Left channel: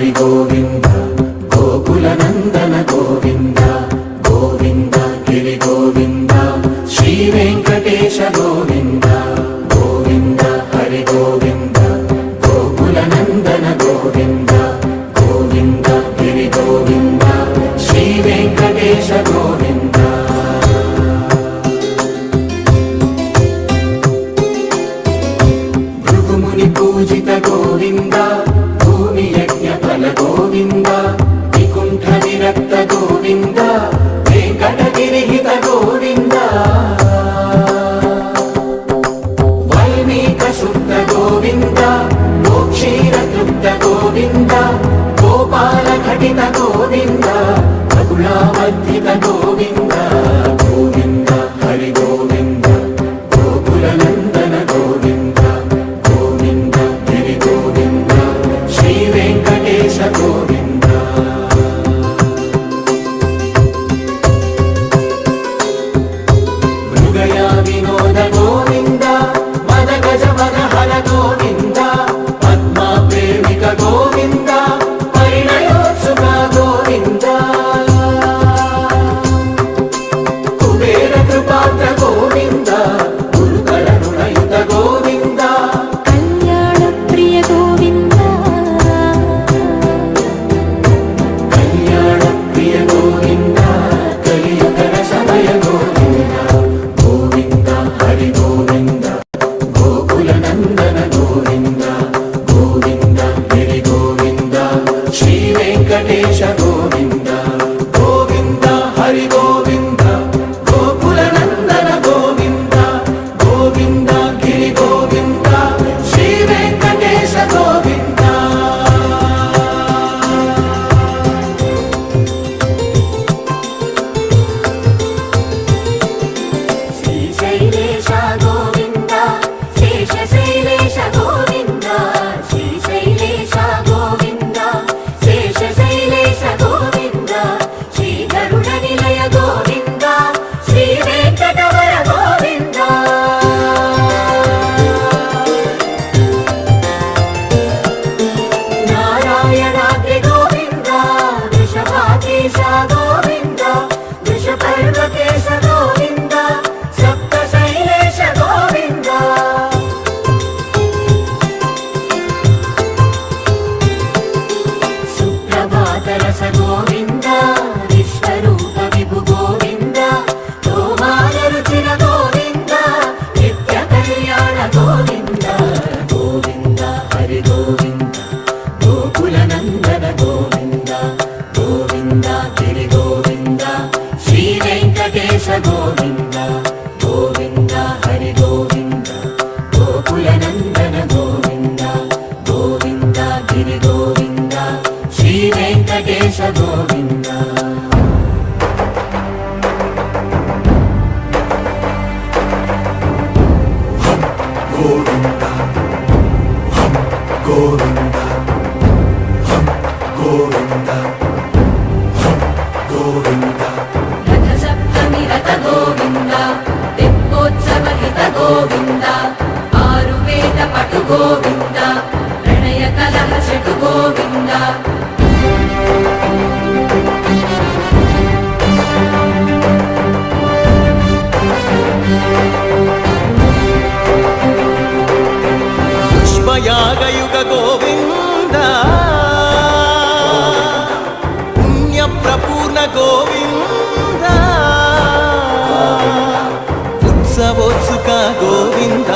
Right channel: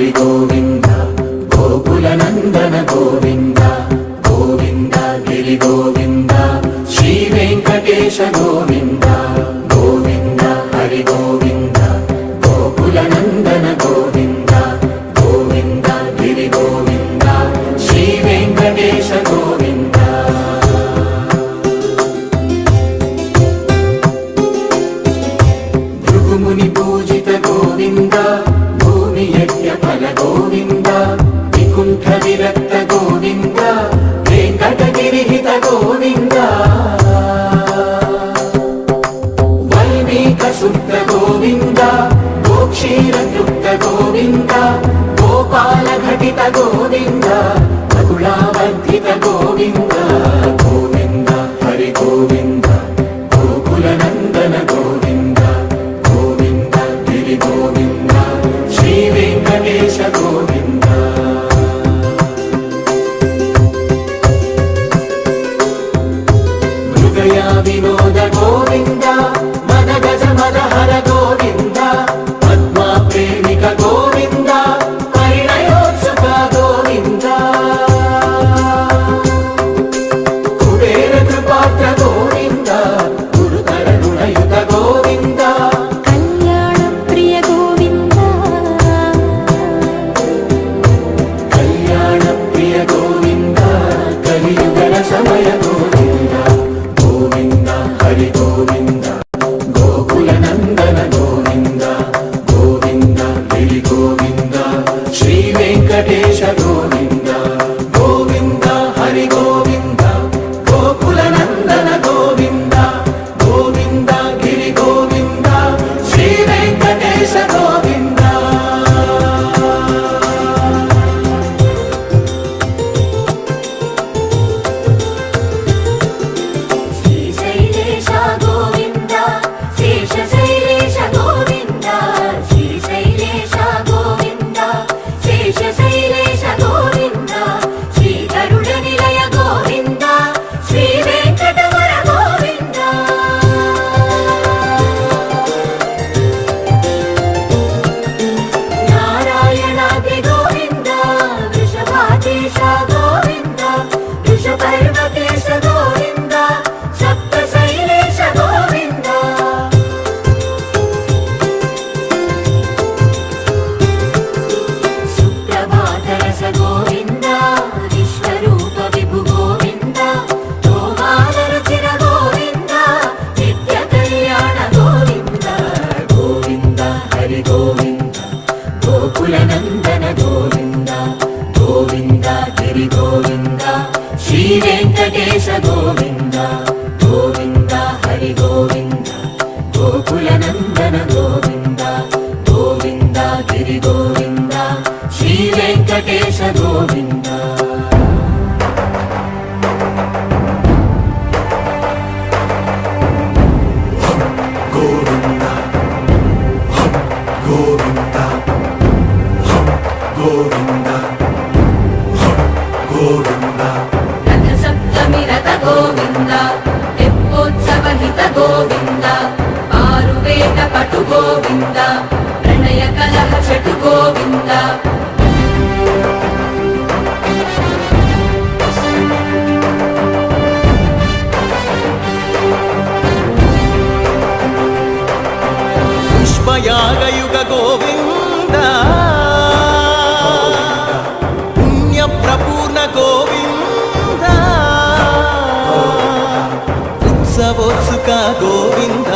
హరి గోవింద గోకుల నందన గోవింద గోవింద గిరి గోవింద శ్రీ వెంకటేశ గోవింద గోవింద హరి గోవింద గోకుల నందన గోవింద గోవింద గిరి గోవింద శ్రీ వెంకటేశ గోవింద భృగుముని పూజిత గోవింద భూమి యజ్ఞ ఫల గోవింద వికుంఠ విరక్త గోవింద వెంకటగిరిహిత గోవింద వల్మీక శుద్ధ గోవింద గోక్షీర తృప్త గోవింద గోపాల ఘటిత గోవింద బహుళావర్ధిత గోవింద గోవింద హరి గోవింద గోకుల నందన గోవింద గోవింద గిరి గోవింద శ్రీ వెంకటేశ గోవింద మృగయా వినోద గోవింద మద గజ మనహర గోవింద పద్మా ప్రేమిక గోవింద పరిణయోత్సుక గోవింద కుబేర కృపాత్ర గోవింద గురుతర రుణయుత గోవింద కళ్యాణ ప్రియ గోవింద కళ్యాణ ప్రియ గోవింద కలియుగ సమయ గోవింద గోవింద హరి గోవింద గోకుల నందన గోవింద గోవింద గిరి గోవింద శ్రీ వెంకటేశ గోవింద గోవింద హరి గోవింద గోకుల నందన గోవింద గోవింద గిరి గోవింద శ్రీ వెంకటేశ గోవింద శ్రీశైలేశ గోవింద శేషశైలేశ గోవింద శ్రీశైలేశ గోవింద శేషశైలేశ గోవింద శ్రీ గరుడ నిలయ గోవింద శ్రీ వెంకటవర గోవింద నారాయణాద్రి గోవింద వృషభాధీశ గోవింద వృషపర్వతేశ గోవింద సప్త శైలేశ గోవింద సుప్రభాతరస గోవింద విశ్వరూప విభు గోవింద గోమాల రుచిర గోవింద నిత్య కళ్యాణ గోవింద గోవింద హరి గోవింద గోకుల నందన గోవింద గోవింద గిరి గోవింద శ్రీ వెంకటేశ గోవింద గోవింద హరి గోవింద గోకుల నందన గోవింద గోవింద గిరి గోవింద శ్రీ వెంకటేశ గోవింద గోవింద గోవింద గోవింద గోవింద రథ సప్తమి రథ గోవింద తెప్పోత్సవ హిత గోవింద ఆరువేద పటు గోవింద ప్రణయ కలహ చటు గోవింద పుష్పయాగయుగ గోవింద పుణ్య ప్రపూర్ణ గోవింద ఉత్సవోత్సుక గోవింద